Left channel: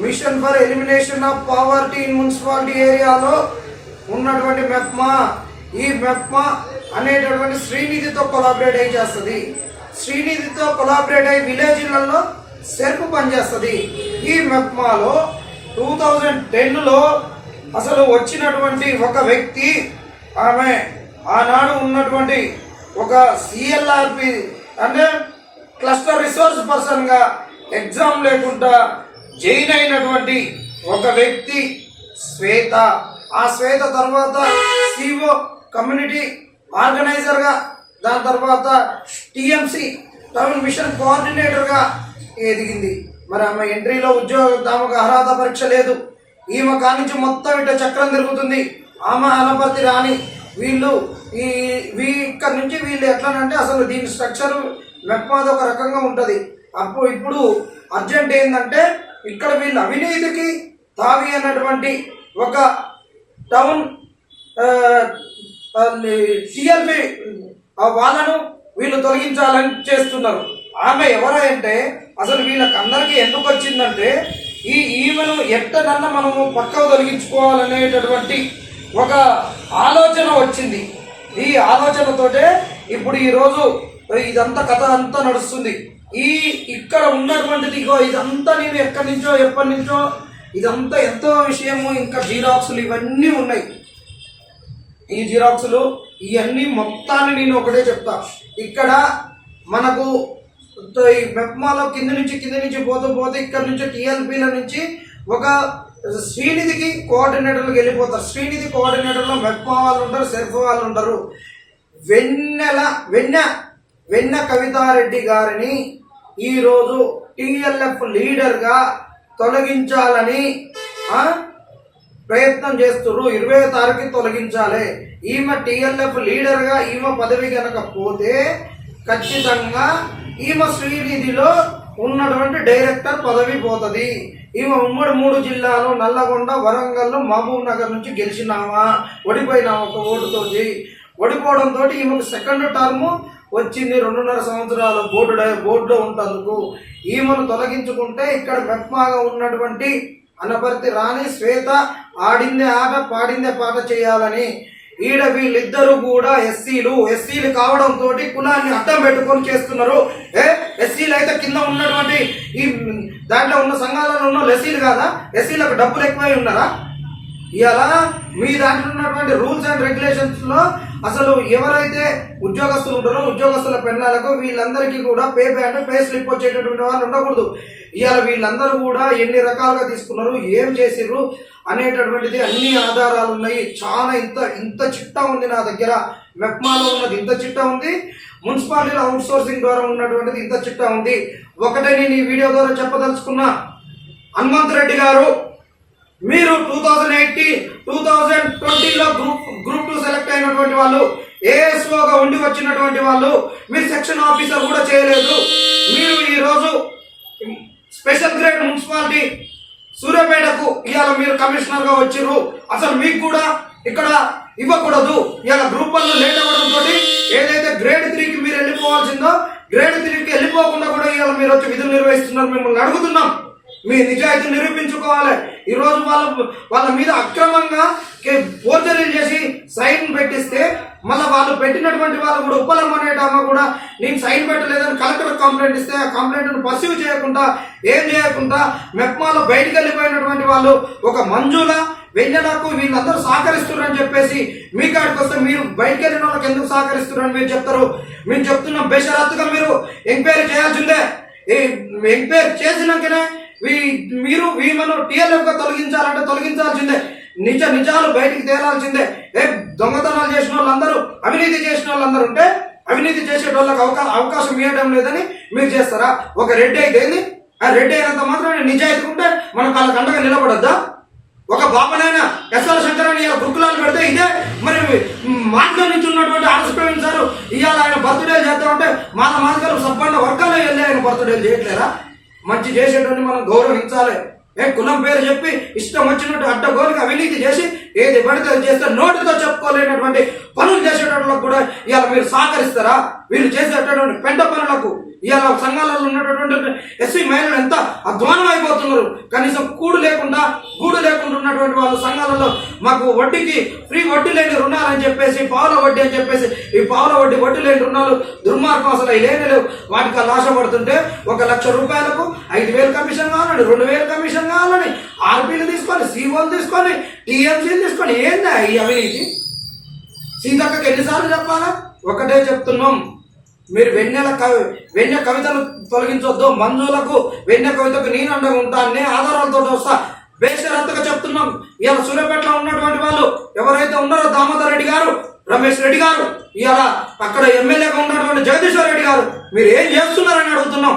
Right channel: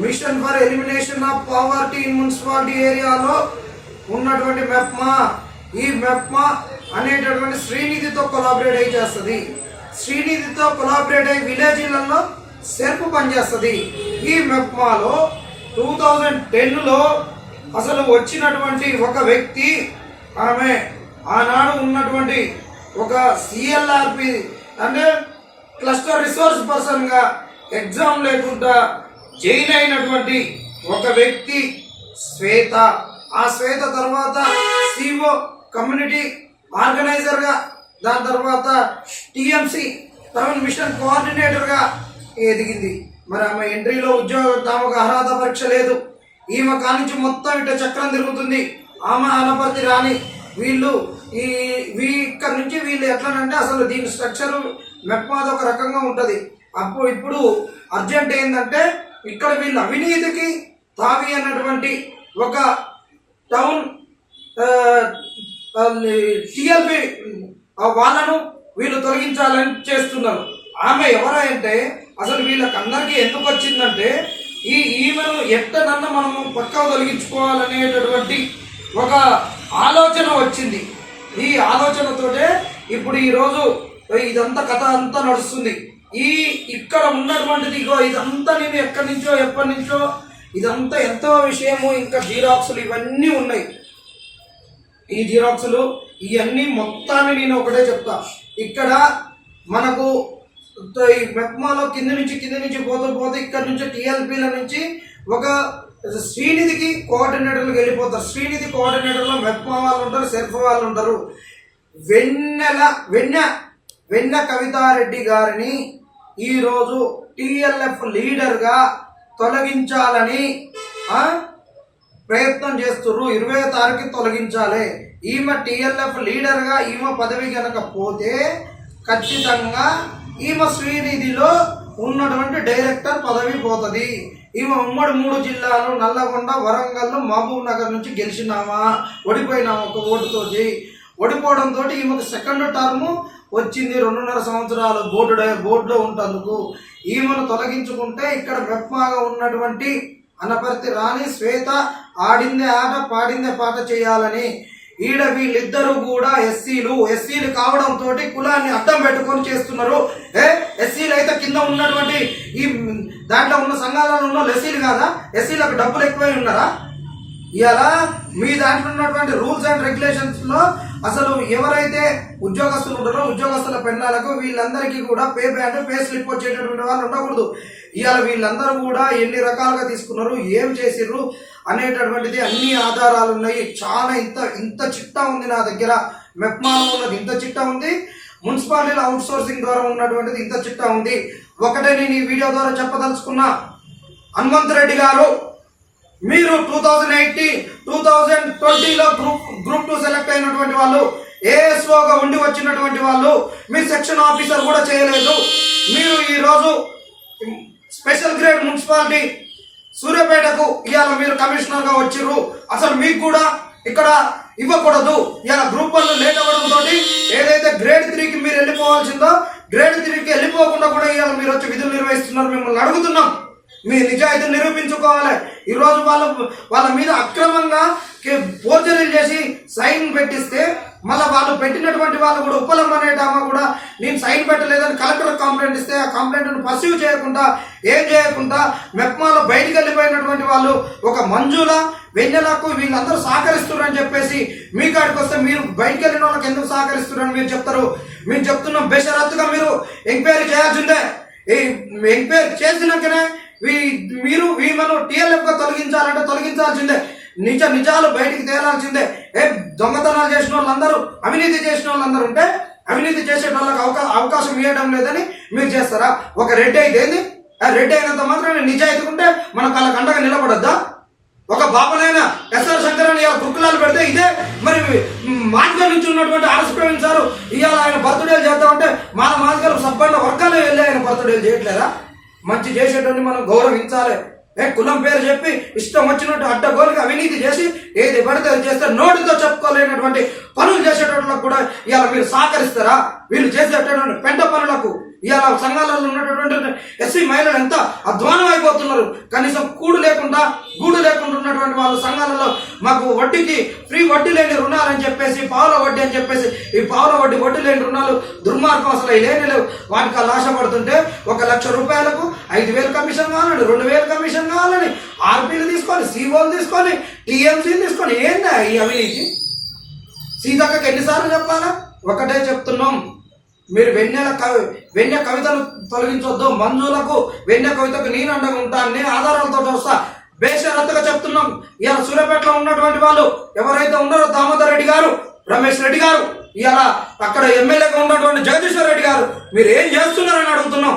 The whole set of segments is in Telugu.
Mission for elimination of poverty in municipality ఏరియాలో ఉన్నటువంటి మెప్మా ఈ మెప్మా అనేటటువంటి శ్రీనిధితో కొలాబరేట్ అయి చేస్తుంది. శ్రీనిధితో కొలాబరేట్ అయి విలేజ్లలో సెర్ప్ పనిచేస్తుంది. ఈ మెప్మాలో టూ థౌజండ్ టెన్లో అసలు వచ్చినటువంటి ఒక వ్యక్తి ఆమె ఆనాడు ఉన్నటువంటి ఒక సిఎల్ఆర్పి అంటే క్లస్టర్ రిసోర్స్ పర్సన్గా ఎగ్జామ్ లేకుండా జైన్ అయినటువంటి ఒక వ్యక్తి శ్వేత. ఆ శ్వేత తర్వాత సిఓ కమ్యూనిటీ ఆర్గనైజర్గా దాని తర్వాత టిఎంసి టౌన్ మిషన్ కోఆర్డినేటర్గా ఎదిగింది. మరి ఆమె ఎంట్రీలో ఉద్యోగ తమకు అర్హత పరీక్ష లేదు. ఈమె కానించి మొత్తం ఇట్ట చక్రం తిరుగుతుంది. ఆమె అనపర్తి రాని వీళ్ళు ఈ వీ ఇక్కడ నుంచి వీళ్ళు ఎట్లానంటే అసలు దీని స్ట్రక్చర్ మెప్మాది ఒక రకంగా ఉంటుంది. అప్పుడు ఇప్పుడు అర్జెంట్ ఏంటంటే ఇక్కడ వీళ్ళు అవినీతికి తావి అన్నటువంటి ఒక టౌన్ సిఎల్పి వాళ్ళను వీళ్ళు తొలగించాలని చేస్తున్నారు. ఆమె ఎవరంటే అసలు వీళ్ళకి అందరికీ ఎందుకు వచ్చిందంటే ఈ ఈమెను ఎట్టనన్న మనము పక్కా తొలగించుకోవాలనేటటువంటి ఒక ఆలోచన వచ్చింది. ఈ ఆలోచనతోటే ఇప్పుడు ఈరోజు ఇదంతా కథ అంతా నడుస్తుంది. ఈ ఇక్కడ ఉన్నటువంటిది ఇగో ఇదంతా నేను ఎక్కడి నుంచో ఎప్పటి నుంచో ఇదంతా ఎంతో విషయము ఇంకా జీరాక్సులు ఇవన్నీ ఉన్నాయి. ఈ జీరాక్సులు ఇవన్నీ మొత్తాన్ని నేను ఒకటే చెప్తా. ఇక్కడ మనకు ఈ మెప్మాలో కింద నుంచి కింద నుంచి పోతూ పోతే ఇక్కడ నుంచి టీఎల్పీల నుంచి ఒక శ్రీనిధికి కోఆర్డినేటర్లకు వెళ్ళిపోతారు. శ్రీనిధి కోఆర్డినేటర్లో మెప్మా వాళ్ళు ఉంటారు సెర్ఫ్ వాళ్ళు ఉంటారు. వెన్నెల వెన్న వెన్న కవితారెడ్డి గారిని ఈరోజు టిఎల్ఎఫ్ లీడర్గా తొలగించాలని ప్రయత్నం చేస్తున్నారు ఇరవై తారీఖు తొలగించాలి. ఈమె టిఎల్ఎఫ్ లీడర్గా ఈమె పదవి కనుక పోతే ఖచ్చితంగా ఈమె శ్రీనిధిలో ఉన్నటువంటి డైరెక్టర్ పదవి పోతుంది. ఈమె ఉమ్మడి మూడు జిల్లాలు నల్లగొండ వరంగల్ మహబూబ్ నగర్ నుంచి గెలిచినామా? ఓడిపోయినామా ఒక ఓటుతోటి? ఓడిపోవడంతో ఈమెకు సెకండ్ టర్మ్ వచ్చింది రెండున్నర సంవత్సరాలు బోర్డు బోర్డులో ఉంటందుకు ఈమెను తొలగించుకుంటే ఇక్కడ మెప్మాగా ఉన్నటువంటి అనపర్తి రాణి శ్వేత ఆడిందే ఆట పాడిందే పాట చేయాలని. ఈడ వీళ్ళిద్దరూ కూడా ఎస్సీలు. ఎస్సీలు కావడంతో కులాన్ని అడ్డం పెట్టుకొని చేస్తున్నారు. ఏ? ఎస్సీలు అయితే కింద ఉన్నటువంటి ఈ దాంట్లో ఉన్న సంఘాలలో ఉన్న ఎస్సీలు కాదా? ఎస్సీలకు డబ్బులు ఎక్కువై ఉన్నారా? ఇలా మీ దాంట్లో ఉన్నటువంటి రూల్స్ అండ్ రెగ్యులేషన్స్లో అసలు ఎవరైతే ఉద్యోగస్తులు ఉంటారో ఉద్యోగస్తుల పెన్నాలకు వీళ్ళందరికీ కూడా పే పే అంటే పే స్లిప్ వచ్చేటటువంటి వాళ్ళు ఉండకూడదు. ఇవాళ వీళ్ళందరూ కూడా ఎన్ని రకాలుగా తీసుకున్నారు ఏం చేసిర్రు అనేటటువంటిది అన్ని ఆధారాలు ఉన్నాయి. చాలా ఇంత ఇంత చిట్టా ఉంది నా దగ్గర. మెప్మాలో ఉన్నది ఇంత చిట్టా ఉంది. మున్సిపాలిటీలో అవుట్ సోర్సింగ్ ద్వారా ఉన్నటువంటిది ఇంత చిట్టా ఉంది. ఒకటే నేను ఈ వీడియో ద్వారా చెప్పదలుచుకున్నా. హనుమంత్ రెడ్డి గారు మీరు two thousand eighty two thousand ట్వంటీలో గ్రూప్ గ్రూప్ టూ సెలెక్ట్ అయినటువంటి వాళ్ళు ఏఎస్ఓగా ఉండి వచ్చినటువంటి వాళ్ళు మీరు సెక్షన్ ఆఫీసర్ కూడా చేయలేదు. మీరు ఈరోజు స్పెషల్ గ్రేడ్ మున్సిపాలిటీ సూర్యాపేటకు ఇవాళ మీరు కమిషనర్గా వచ్చిర్రు. అసలు మీకు కూడా ఇక్కడ ఇవ్వకూడదు. ఇలా గ్రూప్ వన్ లేట్ అవ్వడంతో ఏదైతే గ్రేడ్ త్రీకి మీరు వెళ్ళిపోవాల్సిందో గ్రేడ్ త్రీకి వెళ్ళిపోకుండా కూడా ఇవాళ మీరు వచ్చి విధులు నిర్వహిస్తున్నారు. మిమ్మల్ని అడుగుతున్నాం. మీ నిజాయితీ నిరూపించుకోవాలి. ఈరోజు వాళ్ళ వాళ్ళ మీద అక్రమంగా ఫోర్జరీలు చేసి సైన్ పెట్టిస్తే మళ్ళీ వాళ్ళు పెట్టినటువంటి వాళ్ళు కూడా ఉప్పలమ్మనేటామా కూడా నేను సైన్ పెట్టలేదని కలెక్టర్ కంప్లైంట్ ఇస్తే ఆ కంప్లైంట్ను పర్సీవ్ చేయకుండా ఏం చేయకుండా మెప్మాలో బయటికి వెళ్ళిపోయినటువంటి వాళ్ళు ఒక మంజుల వెన్నెలకు వీళ్ళందరూ సహకరిస్తున్నారని చెప్పేసి మీ కాడికి వస్తే మీరు బయటికి వెళ్ళిన వాళ్ళకి ఎందుకు సహకరిస్తున్నారని మీరు చెప్తారు. మేము చెప్తున్నాం బేషరత్తుగా మీరు ఎంక్వైరీ చేయాల్సిందే. ఎంక్వైరీ చేసినాకనే వీ- మీరు వీమను టీఎల్ఎఫ్గా తొలగించాలంటే తొలగించాల్సిందే. నిజ నిజాలు బయటికి తేలాల్సిందే. ఏ దొంగతనాలు చేసిన వాళ్ళందరూ అవినీతి చేసిన వాళ్ళందరూ ఉంటే అవినీతి చేసే వాళ్ళకి అవకాశం ఇవ్వడం లేదని మీరు చేస్తారా? ఒక రెడ్డి అయితే ఏంది? ఆ రెడ్డి అయినంత మాత్రం నిజాయితీ ఉంటే మనం వాళ్ళకి అండగా నిలబడద్దా? ఒక బాబునైనా ఎస్ఆర్ శంకర్ అని ఇలా గురుకులాలు పెడితే ఇదే మరి మాటలో నుంచి ఉన్నటువంటి ఆర్ఎస్ ప్రవీణ్ సార్ ఇవాళ ఆయన బర్త్డేలు చేద్దామంటే మాల మాదిగలు సబ్బండ వర్గాలు వెళ్ళి ఆయన బర్త్డేలు చేయట్లేదా? మంచి చేసేటువంటి మనం గౌరవించాలి. ఏ కులం పేరు చెప్పి ఇష్టం వచ్చినట్టు అడ్డగోలుగా అవినీతి చేసి ఏది పడితే అది చేస్తే నోటితో చెప్పుకోలేనటువంటి పనులు చేసేటట్లకు కూడా ఇవాళ మీరు సహకరిస్తారా? వీళ్ళు చేసేటటువంటి పెంట పనులకు ఇవాళ సంఘాలలో ఉన్నటువంటి ఎస్సీ మహిళలు ఎంత అధ్వానం అయిపోతున్నారు కనీసం కూడు లేకుండా గూడు లేకుండా ఉన్నటువంటి వాళ్ళు సంఘాలలో మాకు వడ్డీకి ఫ్రీ వడ్డీ లేని రుణాలని చెప్పేసి పావుల వడ్డీ అని చెప్పేసి ఈ పావుల వడ్డీ వడ్డీ లేని రుణాలు దుర్మార్గం అసలు లేని లేవు. వాటికి వాళ్ళు ఆశపడుతుంటే ఒక లక్ష రూపాయలకు ఐదు వేలు కమిషన్ కావాలని రెండు వేలు కమిషన్ కావాలని ఆర్పీలు తీసుకొని సీఓలు తీసుకొని టీఎంసీలు తీసుకొని ఏందా ఈ అవినీతి సీతక్కకి ఎన్నిసార్లు చెప్పాలా? ఒకటే చెప్తున్నాం. మీరు వెన్నెల కవి వెన్నె కవితను తొలగించొద్దు. మంజులకు వెన్నె కవితకు నేను అండగా ఉంటాను నేను ఆధారాలతో వస్తా. బేషరత్తుగా చెప్తున్నాం. ఇలా సూర్యాపేటలో ఉన్నటువంటి వాళ్ళు ఎవరైతే ఉన్నారో దామోదర్ రెడ్డి గారు రమేష్ రెడ్డి గారు ఇలా అక్కడ ఎమ్మెల్యేగా ఉన్నటువంటి జగదీశ్వర్ రెడ్డి గారు మీరు ఏం చేస్తున్నారని అడుగుతున్నాం.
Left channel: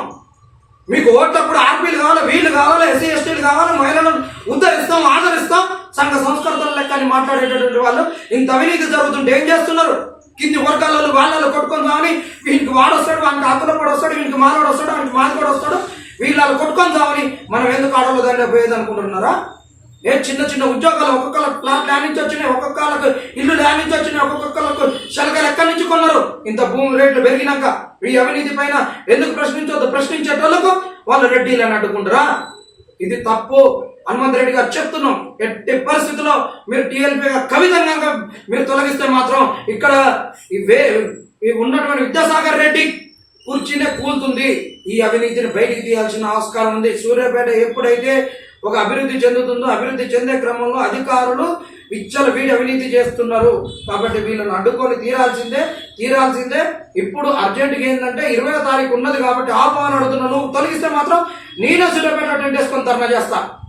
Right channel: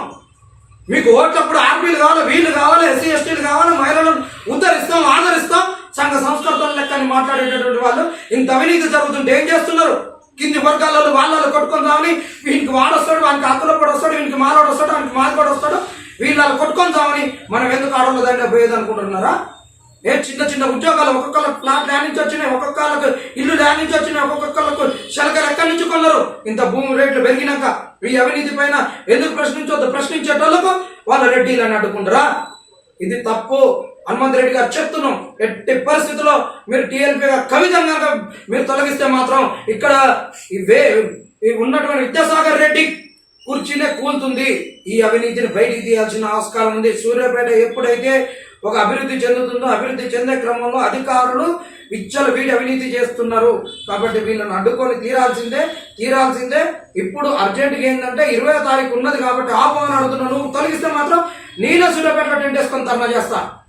మీకు ఓట్లప్పుడు ఆర్మీలు కావాలి వీళ్ళు కావాలి ఎస్సీ ఎస్టీలు కావాలి మహిళలను ఉద్ధరిస్తాం ఆదరిస్తాం. సంఘ సంస్కృతుల లెక్క అని మాట్లాడేటటువంటి వాళ్ళు ఇంత అవినీతి జరుగుతుంటే ఏం చేస్తున్నారు? కింది వర్గాలలో వాళ్ళలో కొట్టుకొని రావని వీనికి వాడొస్తాడు వానికి అతను కూడా వస్తాడు వీనికి మాలోడు వస్తాడు వానికి మాది కూడా వస్తాడు వీళ్ళు కొట్టుకొని మనం ఎందుకు ఆడవాళ్ళ దగ్గర పోయేది అనుకుంటున్నారా ఏ చిన్న చిన్న ఉద్యోగాలు ఒక్కొక్కరు ప్లాట్ ల్యాండ్ నుంచి వచ్చినాయి ఒక్కొక్కళ్ళకు ఇల్లు ల్యాండ్ నుంచి వచ్చినాయి ఒక్కొక్కళ్ళకు శలకలు ఎక్కడి నుంచి కొన్నారు? ఇంత భూమి రేట్లు పెరిగినాక ఈ అవినీతి పైన ఎందుకు ప్రశ్నించొద్దు? ప్రశ్నించేటోళ్ళకు వాళ్ళు రెడ్డీలు అని అడ్డుకుంటారా? ఇది తప్పు. హనుమంత్ రెడ్డి గారు చెప్తున్నాం ఎట్టి పరిస్థితుల్లో మీరు టీఎల్పీగా కవితంగా కనుక మీరు తొలగిస్తే మాత్రం ఇక్కడ వే ఉన్నటువంటి విద్యాసాగర్ రెడ్డి కుర్చీనే కూలుతుంది. ఈ అవినీతిని బయటికి తీయాల్సిన ఆస్కారం ఉంది. సూర్యాపేట ఎప్పుడైతే ఒక అభివృద్ధి చెందుతుందో అభివృద్ధి చెందే క్రమంలో అధికారులు విచ్చలు వీడి అవినీతి చేస్తున్నారు. కాబట్టి వీళ్ళని అడ్డుకొని తీరాల్సిందే తీరాల్సిందే. ఇప్పుడు అర్జెంటుగా ఏంటంటే ఇరవై తారీఖు ఉన్నది కాబట్టి ఆపు అడుగుతున్నా నువ్వు తొలగిస్తే మాత్రం నేనే సూర్యాపేటలో టెంట్ వేసుకొని ధర్నా చేస్తా.